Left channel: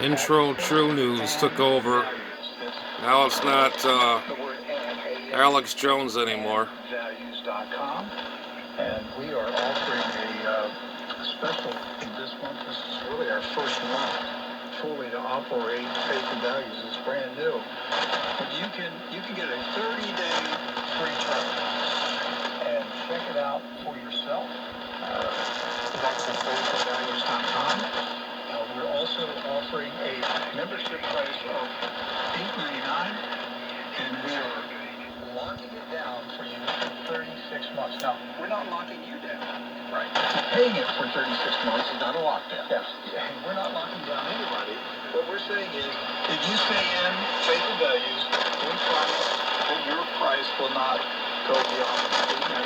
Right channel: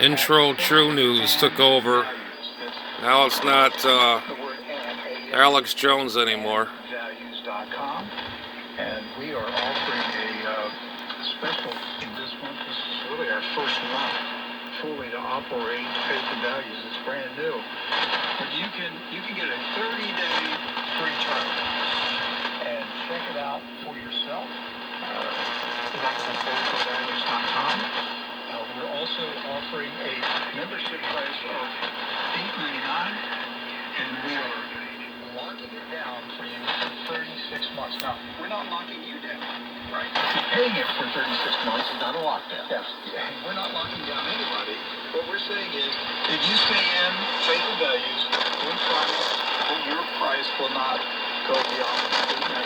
Intro True News took over. Now it's not Alex Jones anymore. THIES.com, and we are offering a special this month. This is really our first month fully to operate Faith and Values. It's brand new, but you can get a 30-day free trial and check it out for yourself. That's at faithandvalues.com. We're also offering a membership price of $8.99, and we are locking it down for you for 36 months. Now, we're not locking you down. Right. Paying it for 36 months is not a lockdown. Yes. We're not locking down anybody. What we're saying is, if you stay in Faith and Values, we promise that your price will not go beyond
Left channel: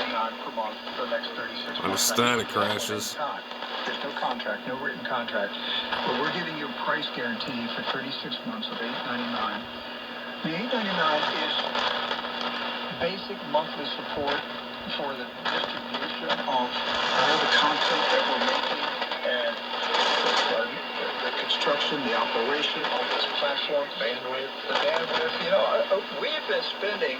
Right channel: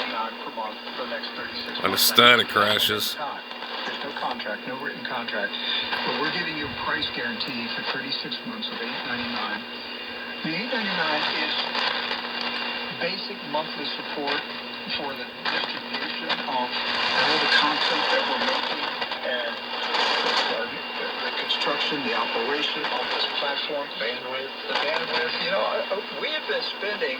$8.99 per month for the next 36 months. And the static crashes. There's no contract, no written contract, but we're giving you a price guarantee for 36 months of $8.99. The $8.99 is basic monthly support for the distribution of all the content that we're making and the construction, the operation of this platform, bandwidth, the bandwidth. You know, we have been spending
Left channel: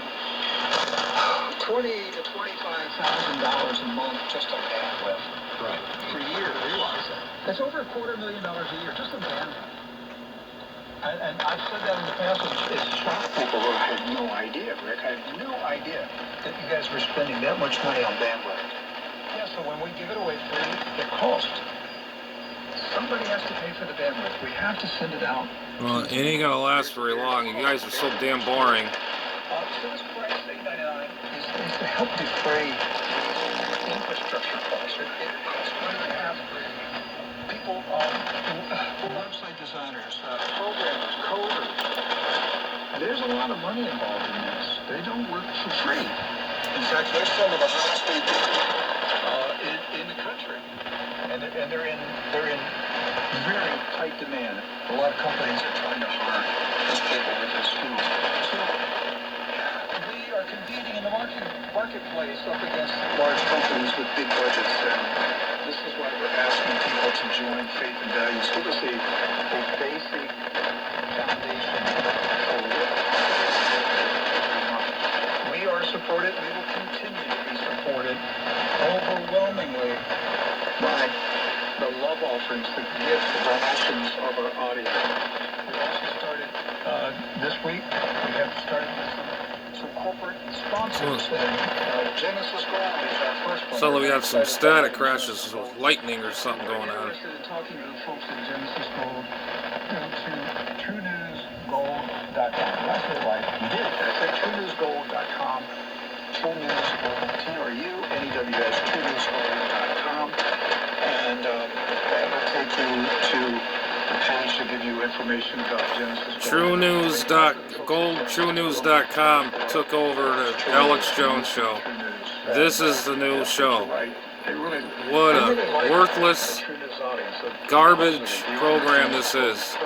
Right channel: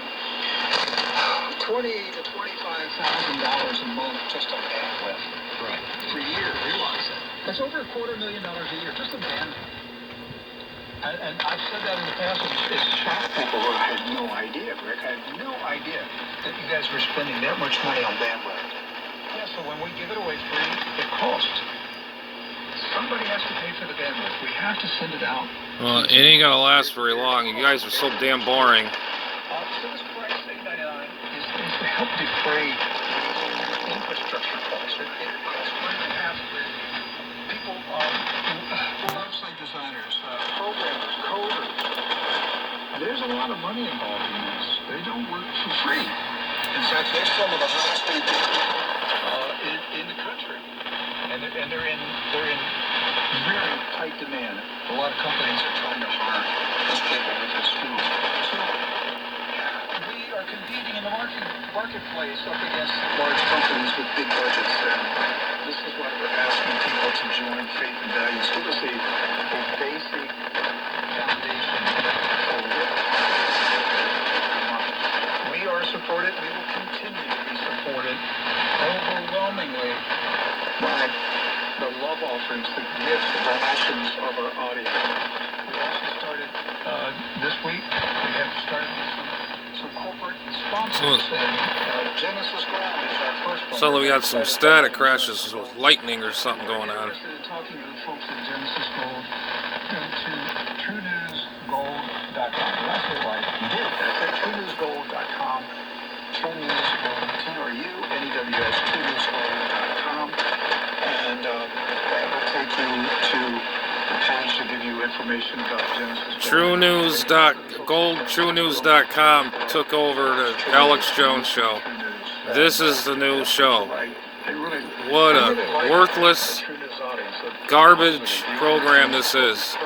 $20,000 to $25,000 a month just on bandwidth. Right. For years. Realize that. That's over $250,000 a year just on bandwidth. And I've said that in the past, it's shocked people who had no idea, Rick. I had no idea that you guys were spending that much money on bandwidth. Yeah, so when we give it away free, it costs. Somebody has to pay for the bandwidth. We have to send it out. Well, it ain't gonna last very long. You guys are so damn boring. So this price, $8.99, is to help defray infrastructure costs. It costs money to have people, website designers, programmers, coders. There's a lot of money involved in this. They don't work for free. In fact, they're some of the highest paid people in the country, and they're in very tight demand. A lot of companies are trying to hire those people with their skills. So we are competing in the marketplace up against large companies with big budgets, and this is why we're asking people to join Faith and Values. Give us a basic foundation for what we are supported. We will continue to be supported overwhelmingly by the love offerings, the gifts, the donations of our audience. We also started this week. We have started some corporate sponsors. And Genesis Gold is our first one. So we got some static crashes with lightning or something going on. Talking to the folks at Genesis Gold, go to TrueNewsGold.com. Did I say it right? You did. I said TrueNewsGold.com. TrueNewsGold, TRUNEWS, TrueNewsGold.com. And that will take you to the page to give you information about Genesis Gold. TrueNews.com took over the Alex Jones show. This is the new show. What a worthless, garbage program this is.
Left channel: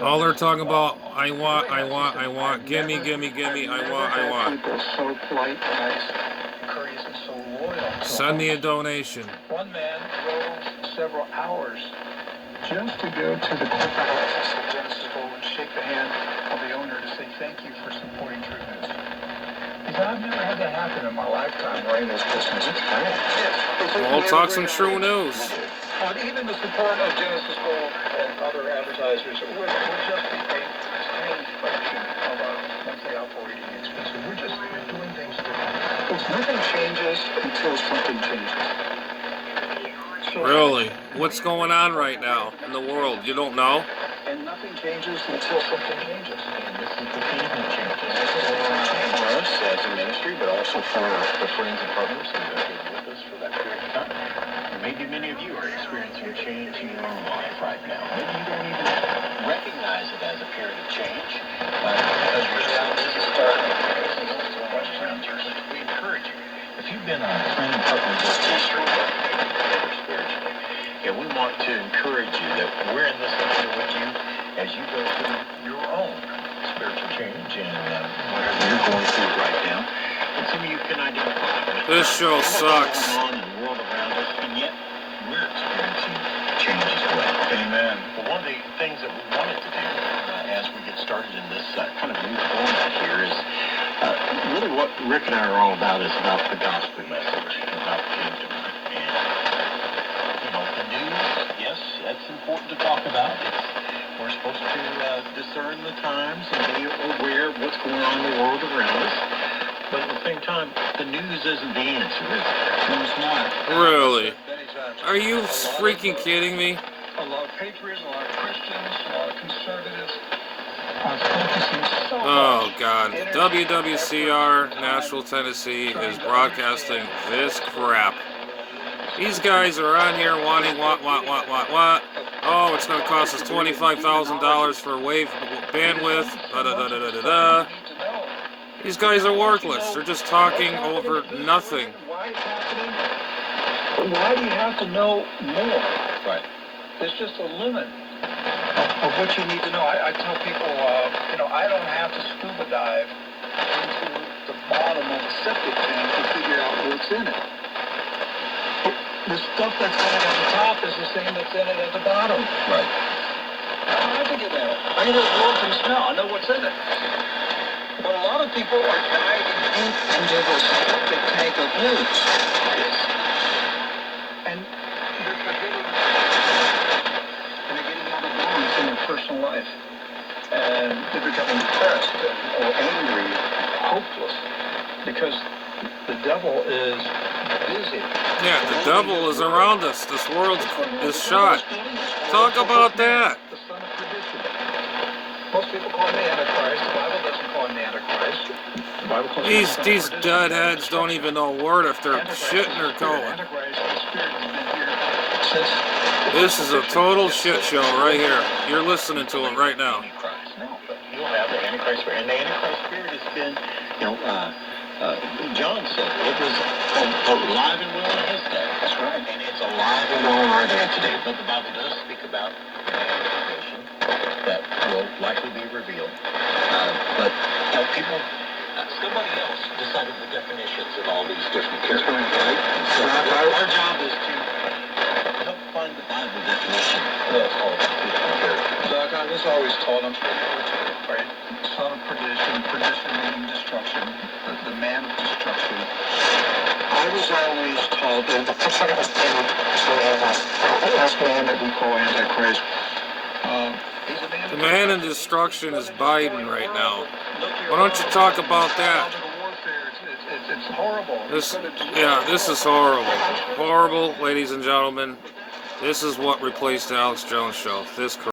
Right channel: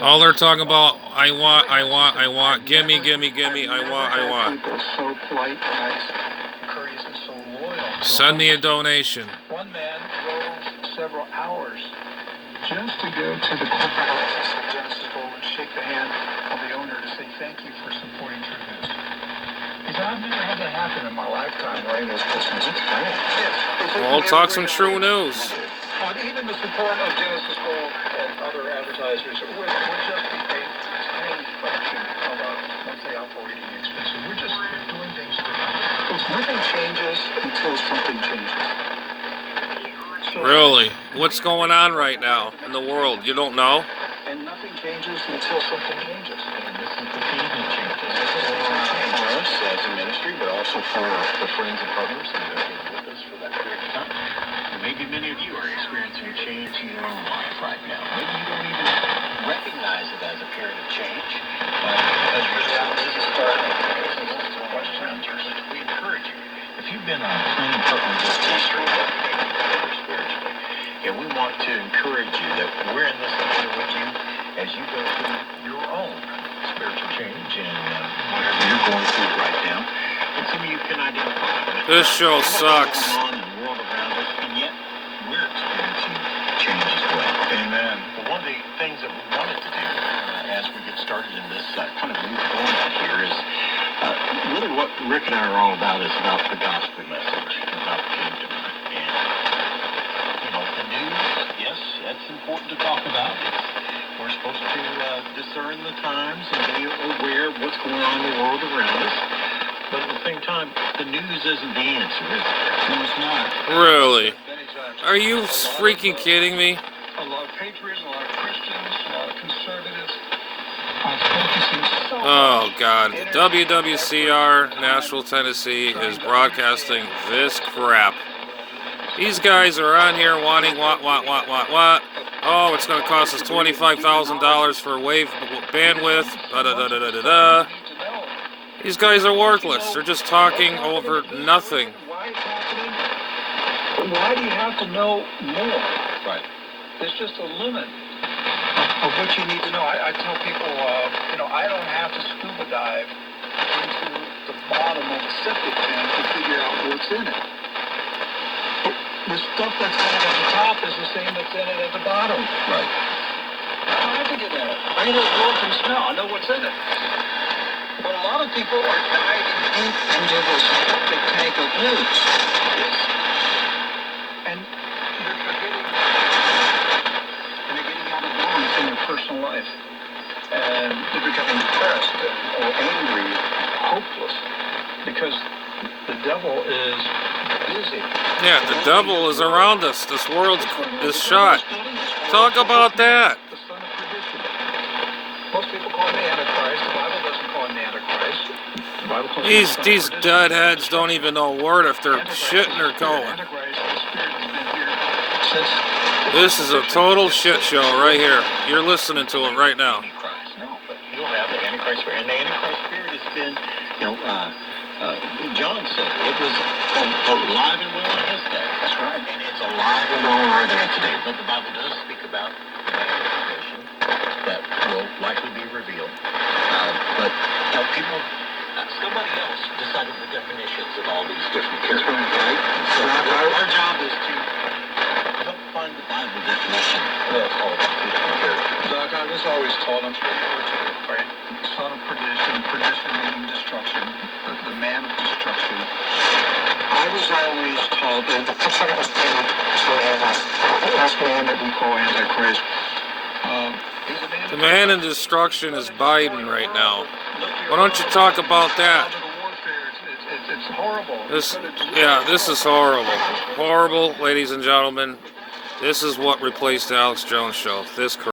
All they're talking about, I want, gimme, I want. So polite, nice, courteous, and so loyal. Send me a donation. One man drove several hours just to go to the corporate office of Genesis Gold and shake the hand of the owner to say thank you for supporting True News. He said, I've never had that happen in my lifetime running this business. Yes. Well, talk some true news. Even the support of Genesis Gold and other advertisers would just be a tiny fraction of our monthly operating expenses. We're just doing things for you. Because nothing changes until something changes. So, Really? What's going on right now in the world? You don't know? And nothing changes until something changes. And this is the thing that changes. For us as a ministry, but also for the friends and partners that have been with us for that period of time. Maybe many of you are experiencing change in your own life right now. Maybe you don't even recognize it as a period of change. As a result, this is starting we encourage you. If you've been a friend and partner in this ministry, spiritually, we want to encourage you that we're in this together with you as you go through your own spiritual change and whatever you're going through right now. And some of you can identify. This show sucks. What's going on in the world around Rick and I are all about is about the gospel message, about the kingdom. And, the news, yes, that's important to talk about. We're supposed to discern the times and be aware of what's going on in the world around us. But at the same time, the news isn't the answer, is it? No, it's not. Really? Are you freaking kidding me? A lot of patriots, a lot of Christians, a lot of conservatives are focusing so Oh much. God, WWCR Nashville, Tennessee is broadcasting this crap. These guys are on here wanting what? Oh, it's going to cost us $25,000 for wave bandwidth. Da da da da da da da. These guys are worthless. They're just talking over nothing. Why it's happening? Why do you have to know more? Right. There's just a limit of what you need to know. I tell people, I don't have to scuba dive into the bottom of a septic tank to figure out what's in it. The stuff that's in it at the top is the same that's in it at the bottom. Right. I don't have to get in it. I can just look and smell. I know what's in it. But a lot of people are diving deep into the septic tank of news. And they're forgetting, and they're getting out of balance in their personal life. And they're becoming depressed or angry, hopeless, because the devil is busy. Yeah, the devil is around us. This world is shot. Talk about that. The son of perdition. Most people call him the Antichrist. The Bible doesn't call him the Antichrist. The Bible calls him the son of These perdition. deadheads don't even know a word if they're Antichrist shitting or is the spirit. going. Antichrist, the spirit has been here since. This is a total shit show right here. You're listening to it right now. No, but you'll have the Antichrist spirit. And the Antichrist spirit has been, John said it was alive and well in his day. That's right. And it's alive and well in our day today. But the Bible does speak about manifestation that will likely be revealed. But people, somebody else decided the definitions of all these different characters. Right? So our job is to help find the Bible definition of all these different characters. Doc, I was always told, I'm sure you were too, right? Son of perdition, perdition meaning destruction, the man of destruction. I was always told that the picture of the last man that we call Antichrist. He's a man The man in destruction is Biden right now. Why don't you talk about that? It's horrible. This is horrible. Horrible, ladies and gentlemen. This is what replaced the Alex Jones show. This